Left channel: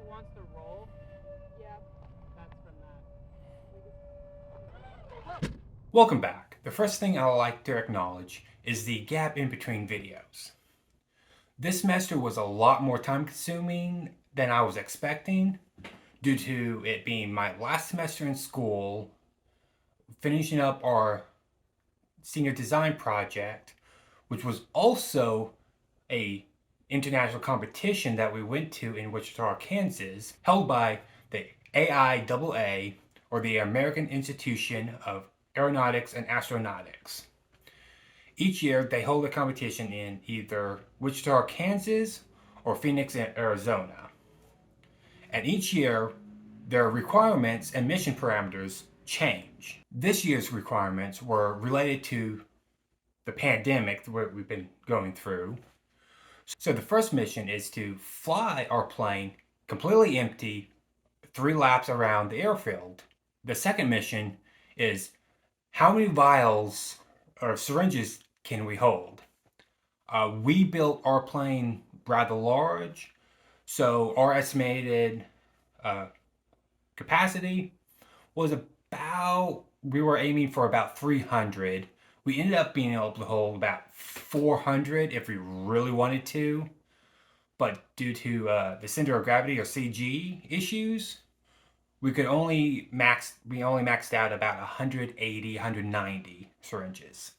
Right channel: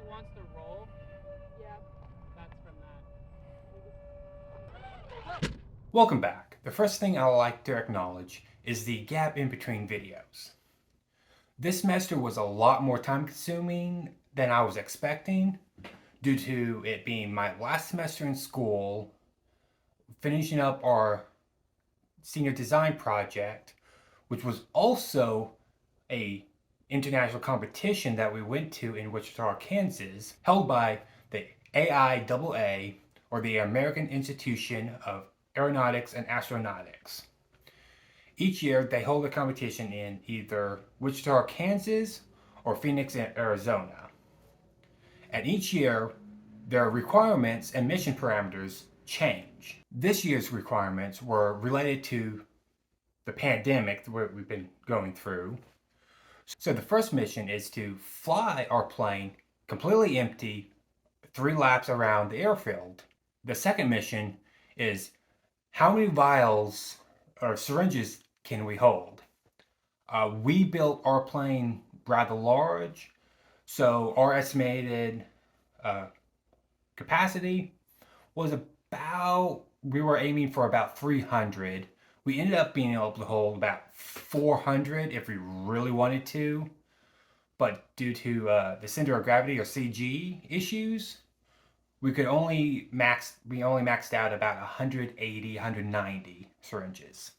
it wants to roll. Yeah. That's from that. Welcome back. The first thing I would like to acknowledge is the gap in between videos. This semester was a lot more time consuming than I was expecting due to it being my last semester in school, finishing up our senior design project, which was also a international competition that we went to in Wichita, Kansas, held by the AIAA, or the American Institution of Aeronautics and Astronautics. Each year, they hold a competition in either Wichita, Kansas, or Phoenix, Arizona. And each year, their requirements and mission parameters change. This year's requirements were related to the pandemic that we've been going through. So the first mission is to fly our plane completely empty 3 laps around the airfield. The second mission is how many vials or syringes can we hold? We built our plane rather large, so our estimated capacity was we were aiming for about 300. We ended up being able to hold about 400 if we really wanted to, but due to the center of gravity or CG issues, we only maxed out about 180, 190 syringes.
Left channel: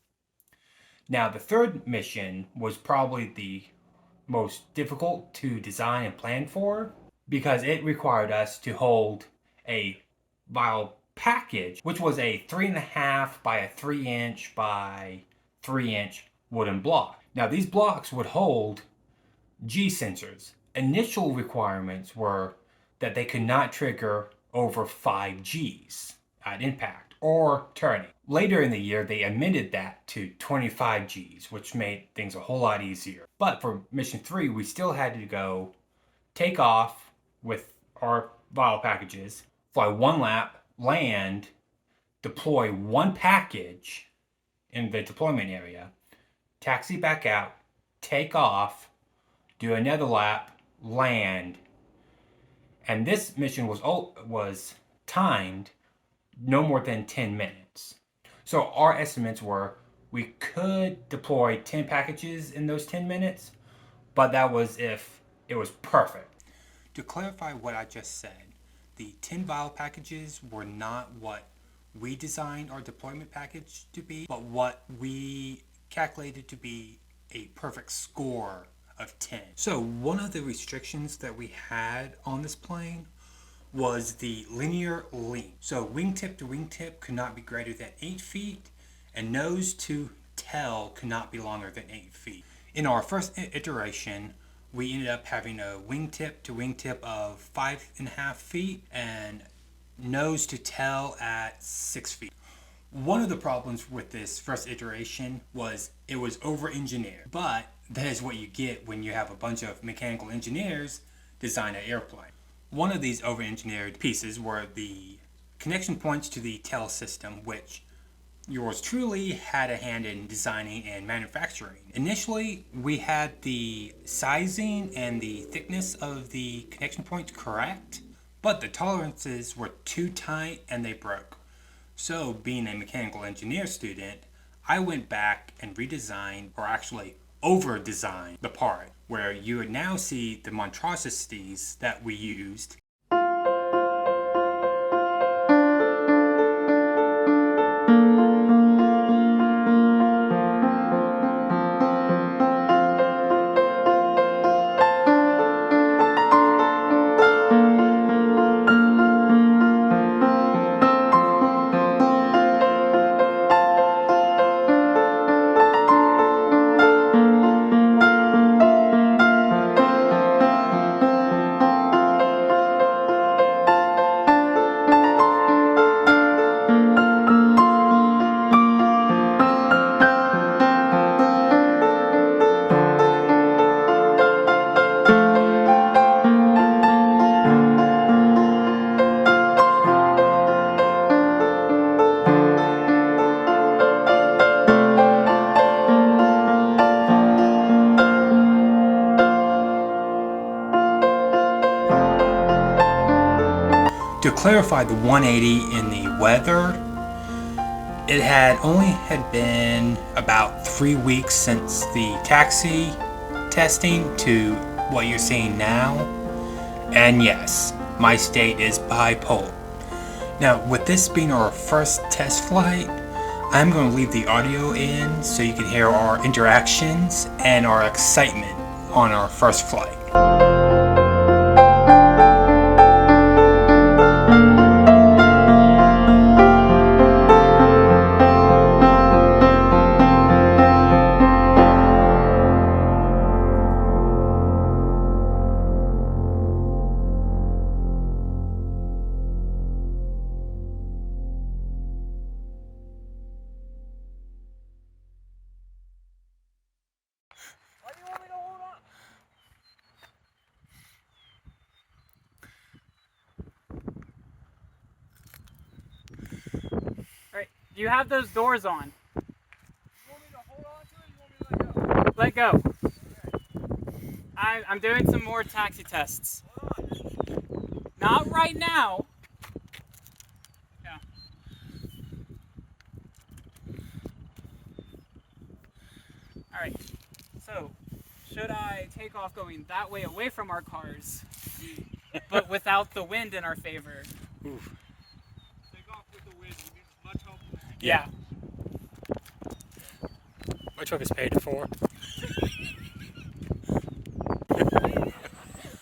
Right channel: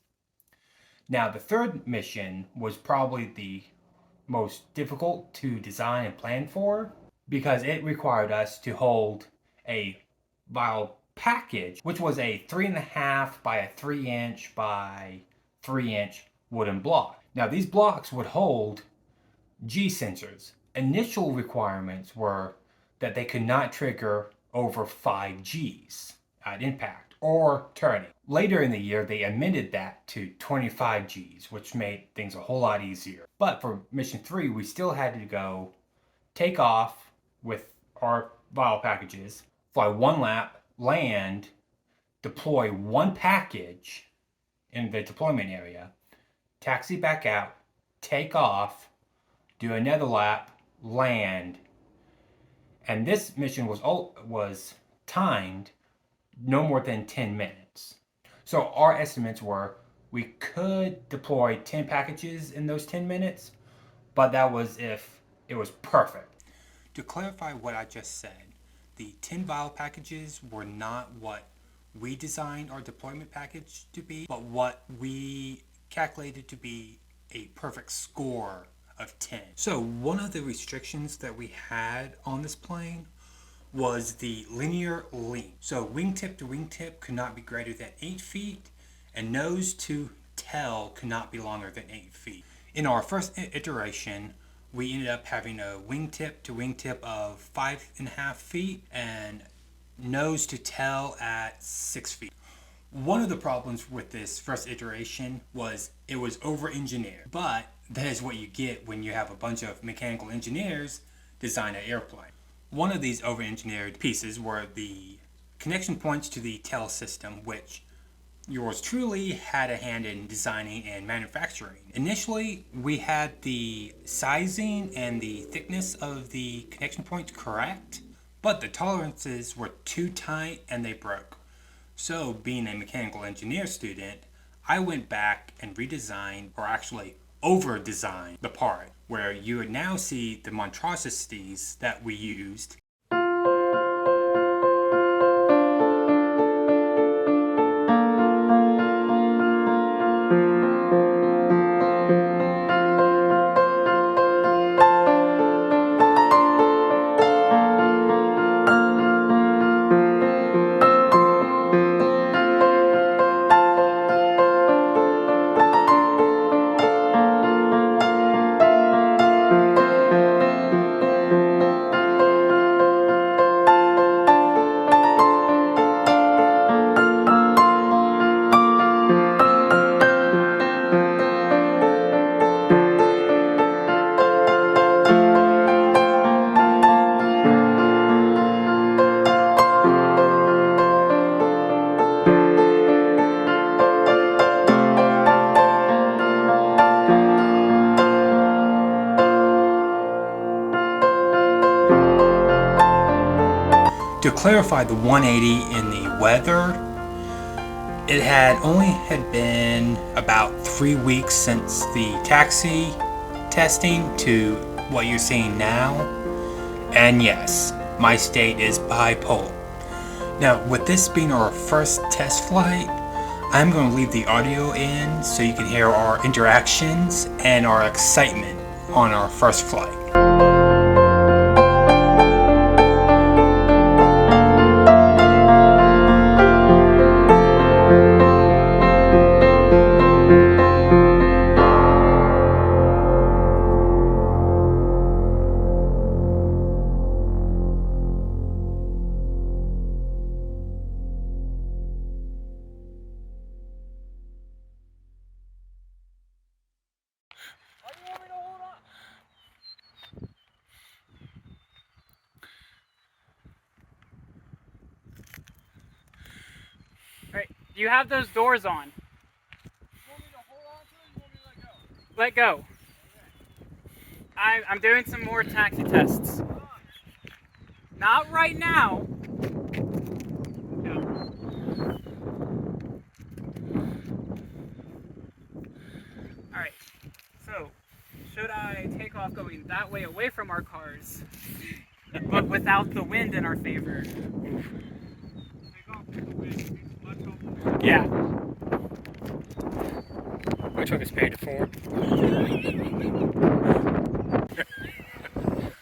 Now, the third mission was probably the most difficult to design and plan for because it required us to hold a vial package, which was a 3.5 by a 3-inch by 3-inch wooden block. Now, these blocks would hold G sensors. Initial requirements were that they could not trigger over 5 Gs at impact or turning. Later in the year, they amended that to 25 Gs, which made things a whole lot easier. But for mission 3, we still had to go take off with our vial packages, fly 1 lap, land, deploy 1 package in the deployment area, taxi back out, take off, do another lap, land. And this mission was timed no more than 10 minutes. So our estimates were we could deploy 10 packages in those 10 minutes, but that was if it was perfect. To clarify what I just said, the 10 vial packages were not what we designed our deployment package to be, but what we calculated to be a perfect score of 10. So one of the restrictions that we had on this plane was the linear length. So wingtip to wingtip could not be greater than 8 feet, and nose to tail could not be longer than 8 feet. In our first iteration, we ended up having a wingtip to wingtip of 5.5 feet and nose to tail at 6 feet. One of the problems with this first iteration was it was over-engineered, but that is what you get when you have a bunch of mechanical engineers design an airplane. One of these over-engineered pieces were the connection points to the tail system, which yours truly had a hand in designing and manufacturing. Initially, we had the sizing and the thickness of the connection points correct, but the tolerances were too tight and they broke. So, being a mechanical engineer student, I went back and redesigned, or actually over-designed, the part, where you would now see the monstrosities that we used. To clarify the 180 in the weather, it had only been about 3 weeks since the taxi testing to what you're seeing now. And yes, my state is bipolar. Now, with this being our first test flight, I'm going to leave the audio in so you can hear our interactions and our excitement on our first flight. Right. You have those doors on. You want me to hold on to it or you want me to let go? Let go. Okay. I'm doing some more taxi tests. Not right now. No. Alright. So, should I take off going that way away from our cars, but without the wind in our favor? Oof. Yeah. My truck is paid for.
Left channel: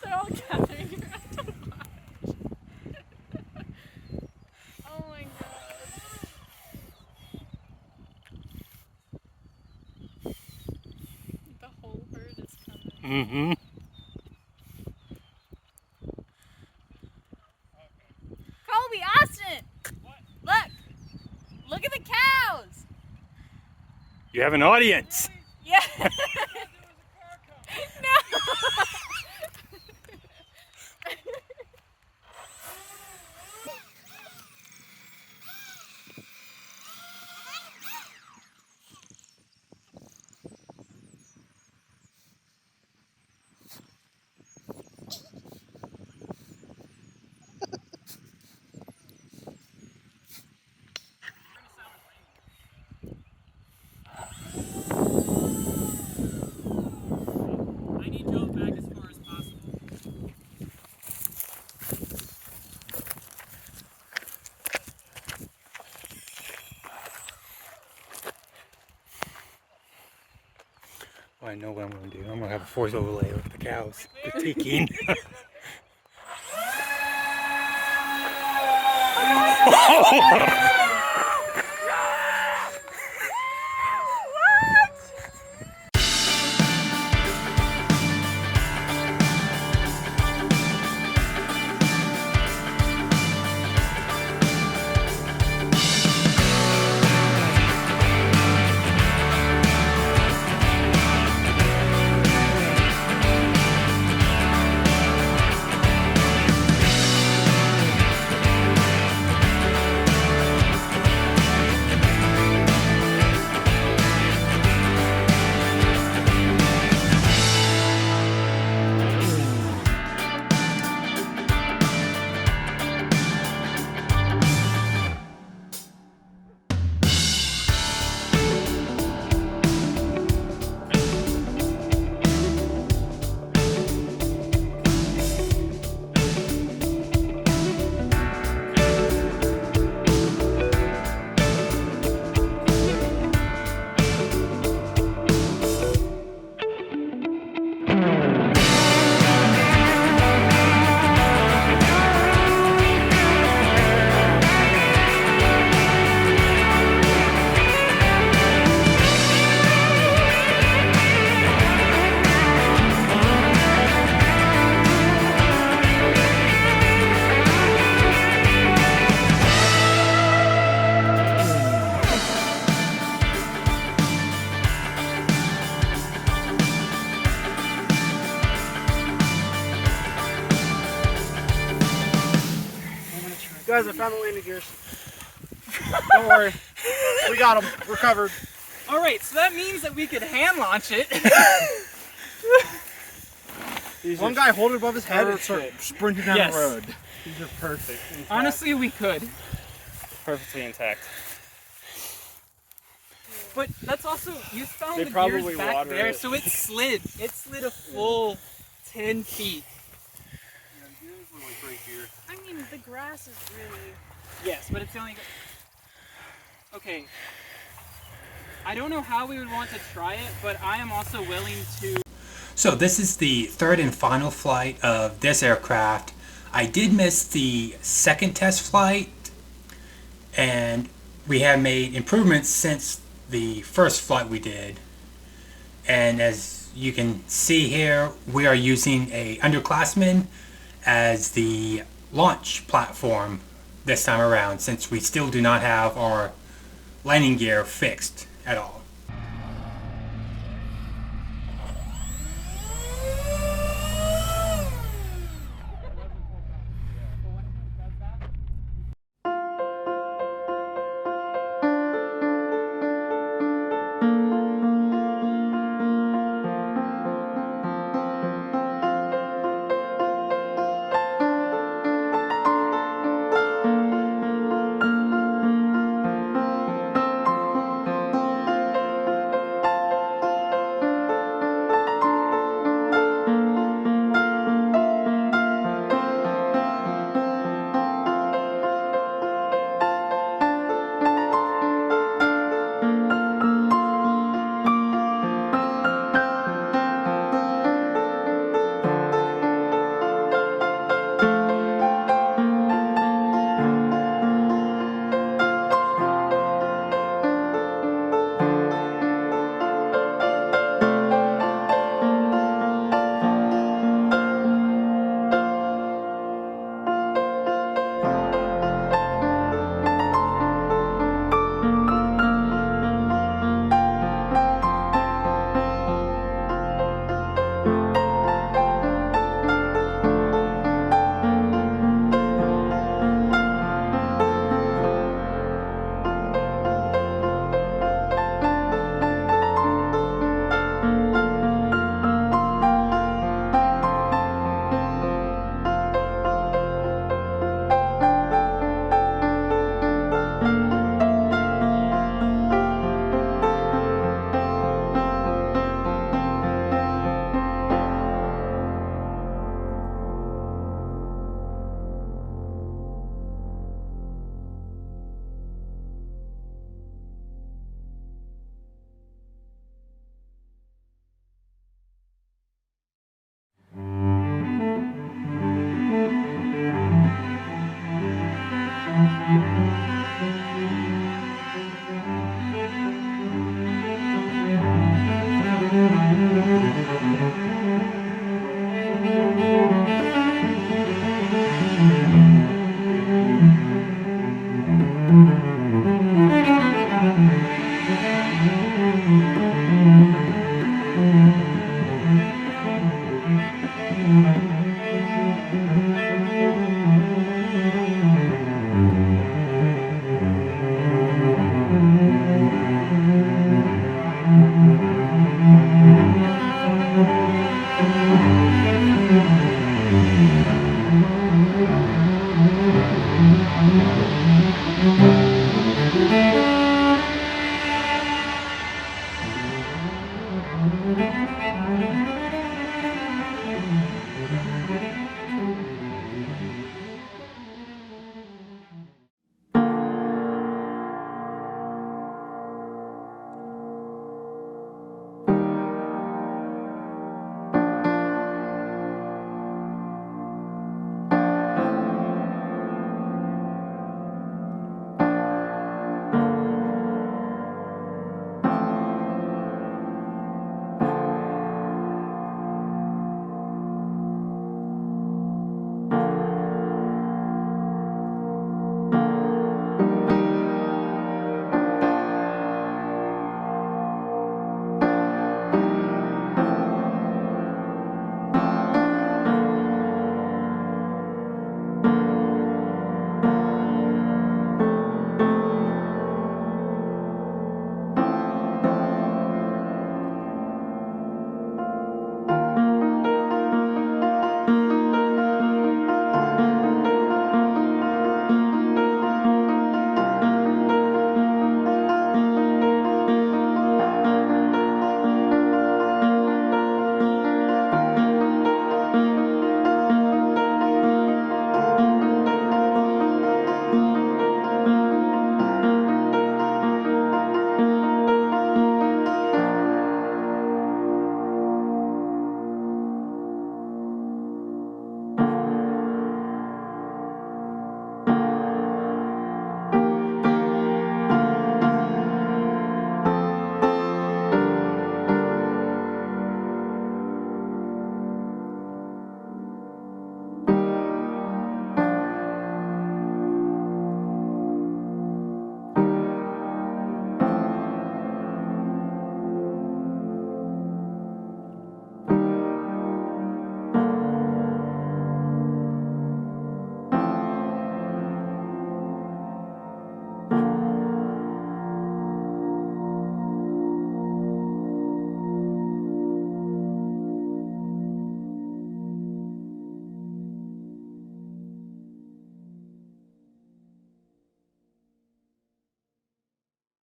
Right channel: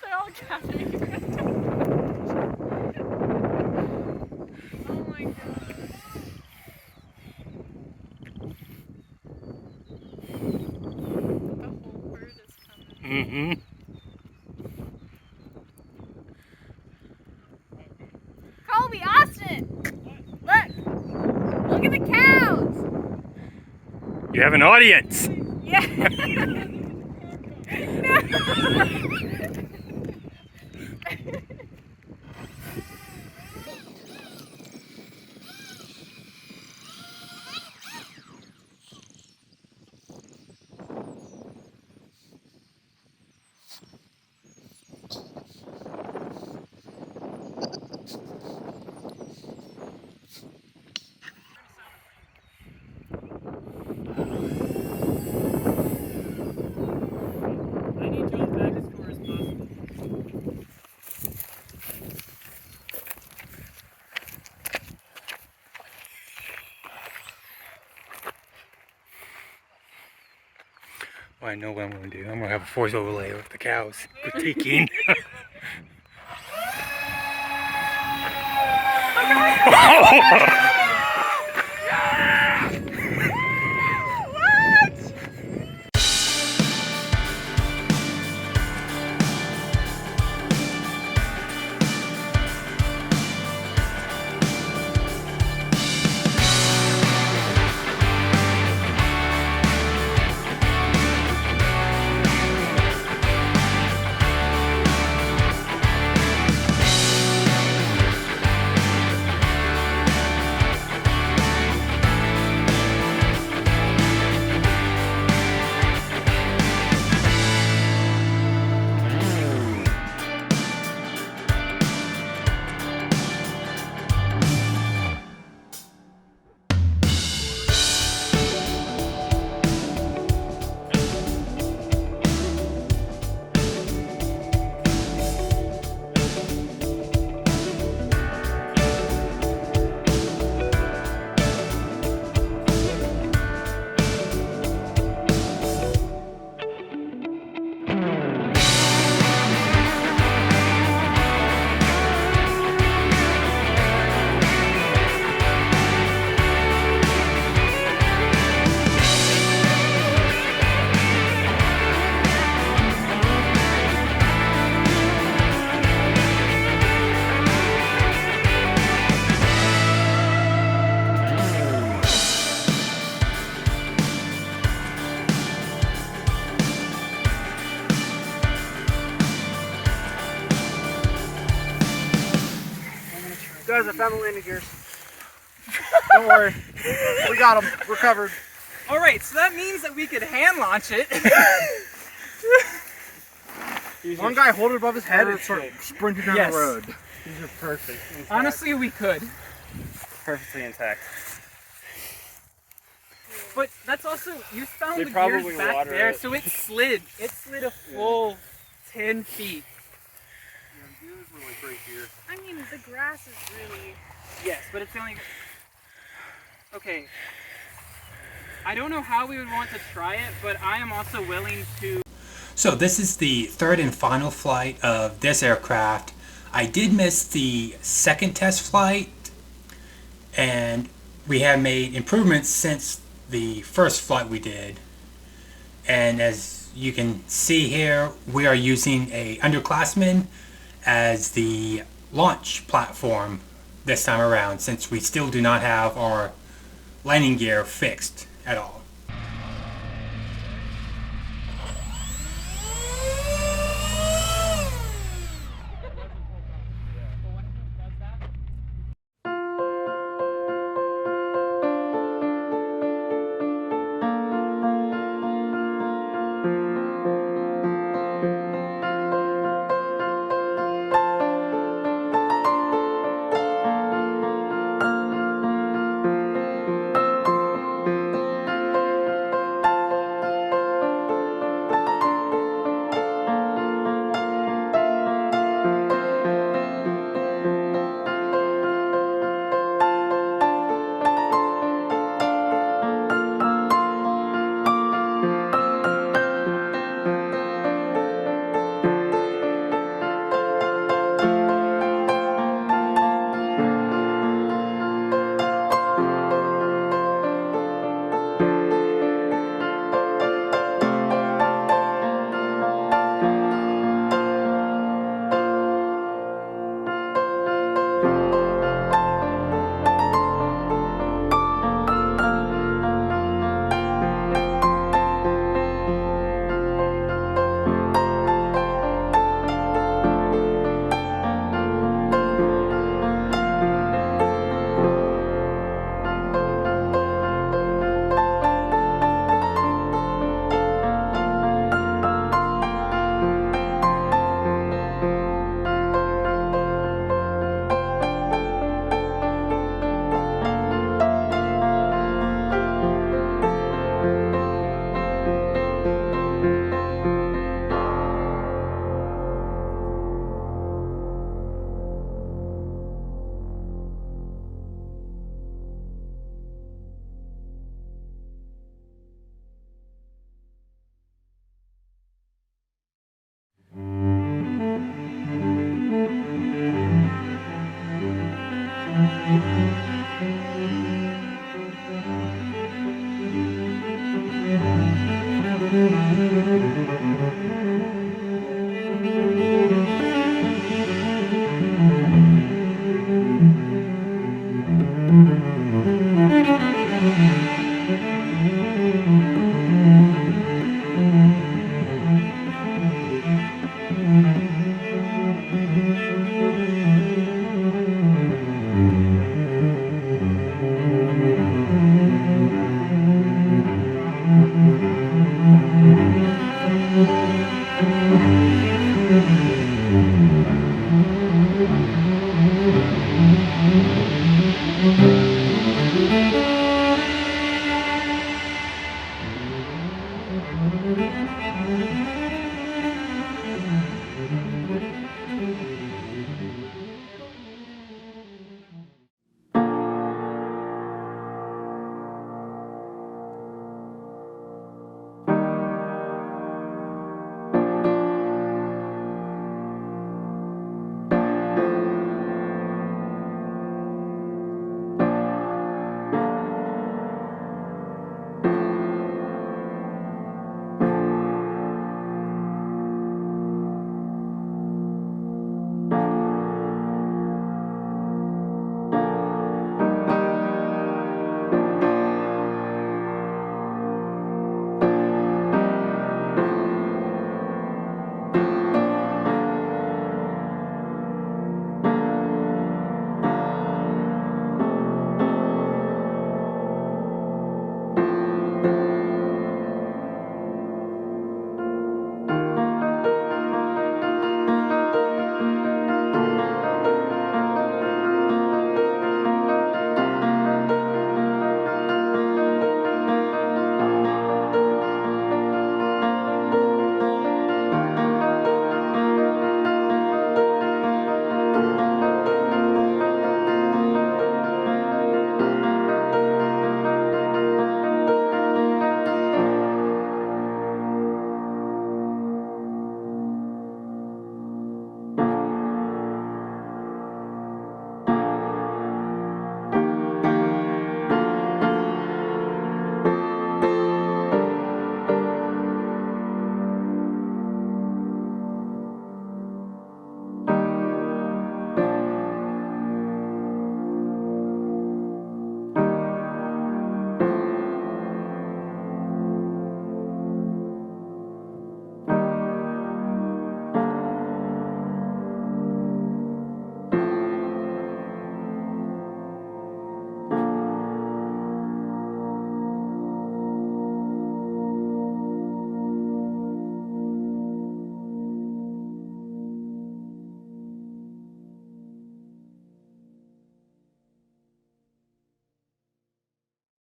They're all coming. Oh my god. The whole bird is coming. Mm-hmm. Colby, Austin! Look! Look at the cows! You have an audience. Yeah. No. I need Joe back as far as possible. Well, I know what I'm going to do. I'm going to have a force overlay of the cows critiquing. Guys, I found the landing gears. Don't worry. We got them. We're covered. Alright, so that means that we could hand launch it. One guy hold it above his head and start sprinting down Yes. the road. These are perfect. Honestly, we could. Perfectly intact. But that's also, you found They the probably gears back water there, it. so it slid. It slid a full 10 feet. I mean, the grass is really. Yes, but it's only. Okay. I don't know how we would want to try it, but I am also willing to. So this is the third and final flight of this aircraft. I did miss the second test flight, and we have made improvements since the first flight we did. And as you can see here, we are using a underclassman as the launch platform this time around, since we still do not have our landing gear fixed at all.